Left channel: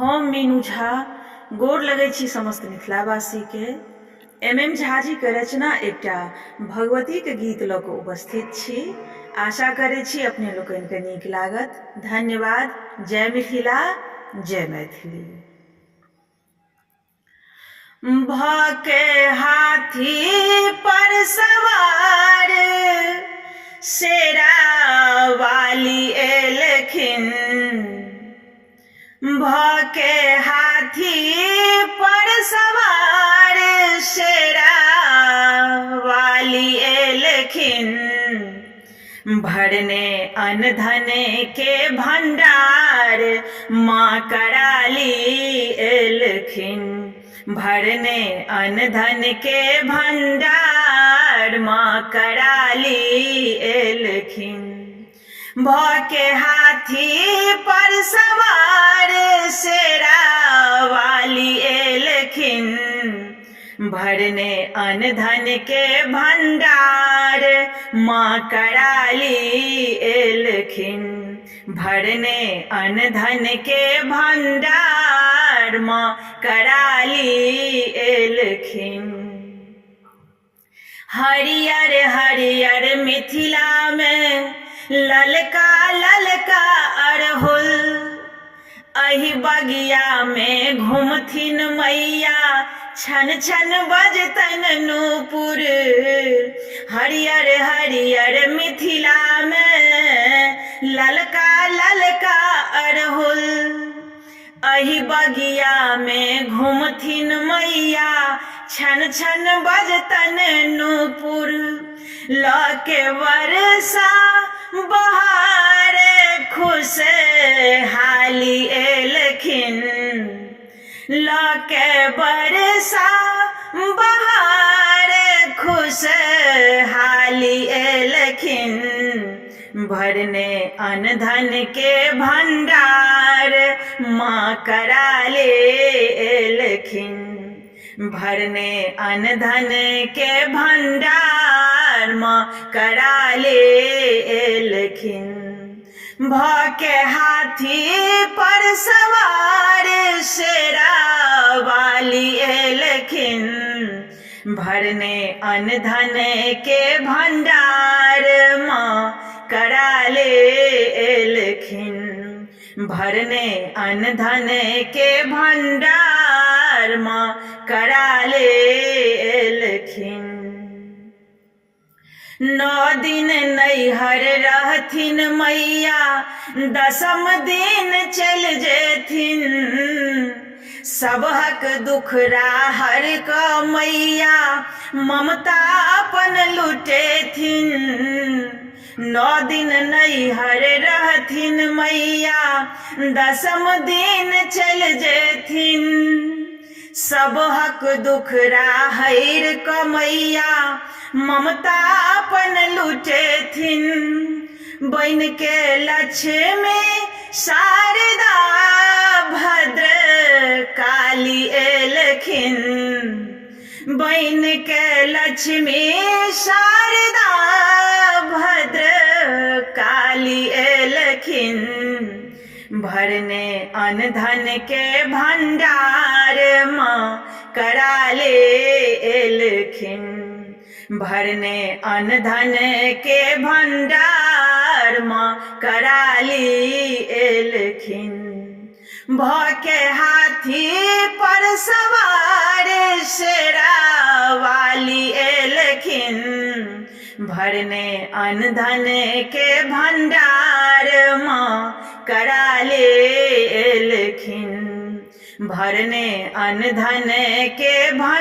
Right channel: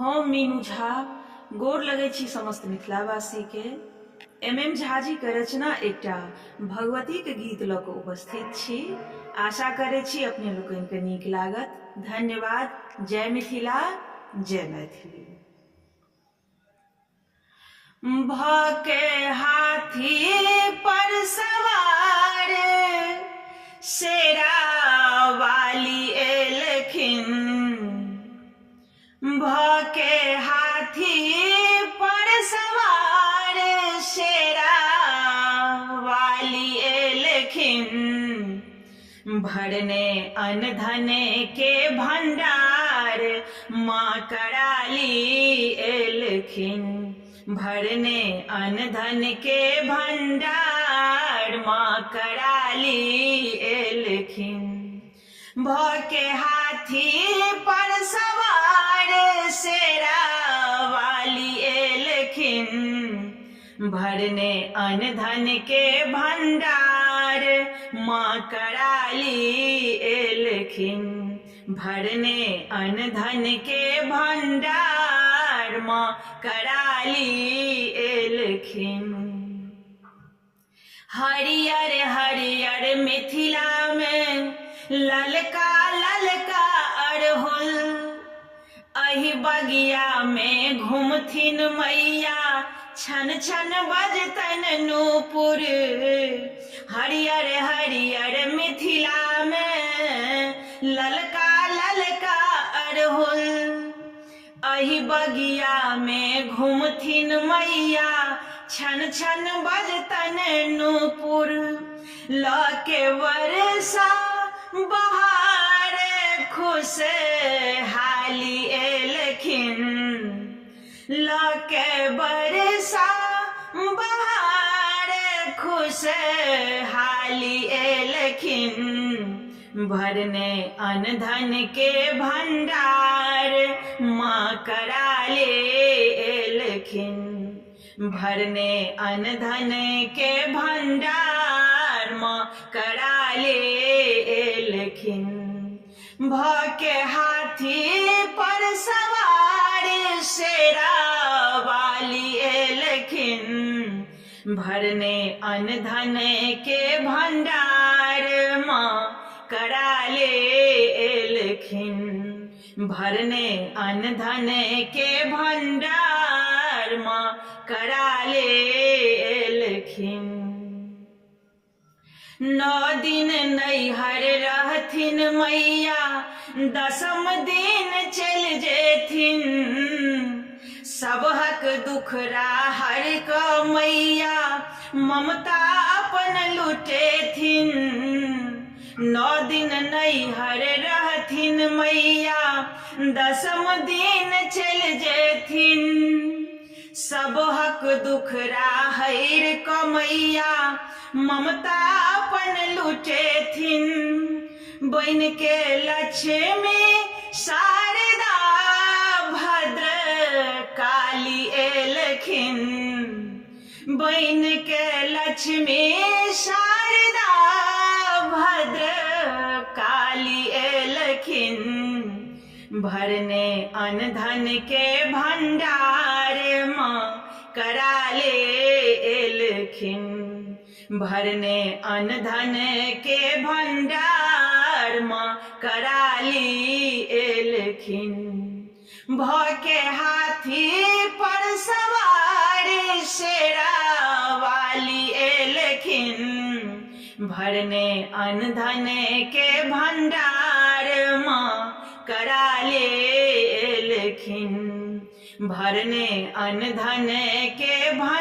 हम मीनू झा गोर लगै छी समस्त मिथिलावासी के। एम झा जी के रचना एकटा भगवती के गीत लऽ कऽ उपस्थित छी। आशा करै छी अपने लोकनि के नीक लागत। धन्यवाद। जय मिथिला, जय मैथिली। भके हाथी पर सवार शेरा वाली एलखिन, भके हाथी पर सवार शेरा वाली एलखिन, भरने अन्न धन के भंडार माँ कराली एलखिन, भरने अन्न धन के भंडार माँ कराली एलखिन, भके हाथी पर सवार शेरा वाली एलखिन, भरने अन्न धन के भंडार माँ कराली एलखिन, भरने अन्न धन के भंडार माँ कराली एलखिन। हरियर हरियर मिथिला में ललका ललका अरहुल, अहि बगिया में घूमथिन मैया छन छन बजतन नूपुर। हरियर हरियर मिथिला में ललका ललका अरहुल, अहि बगिया में घूमथिन मैया छन छन बजतन नूपुर। लके वर्षा बहार खुश हाली एलखिन, लके वर्षा बहार खुश हाली एलखिन, भरने अन्न धन के भंडार माँ कराले एलखिन, भरने अन्न धन के भंडार माँ कराले एलखिन, भके हाथी पर सवार शेरा वाली एलखिन, भरने अन्न धन के भंडार माँ कराले एलखिन, भरने अन्न धन के भंडार माँ कराले एलखिन। 9 दिन नैहर रहथिन मैया, 10म दिन चल जेथिन, सबहक दुख राहर क मैया ममता अपन लुटेथिन। 9 दिन नैहर रहथिन मैया, 10म दिन चल जेथिन, सबहक दुख राहर क मैया ममता अपन लुटेथिन। बन के लक्ष्मी शारदा भद्र काली एलखिन, बन के लक्ष्मी शारदा भद्र काली एलखिन, भरने अन्न धन के भंडार माँ कराले एलखिन, भरने अन्न धन के भंडार माँ कराली एलखिन, भके हाथी पर सवार शेरा वाली एलखिन, भरने अन्न धन के भंडार माँ कराले एलखिन, भरने अन्न धन के भंडार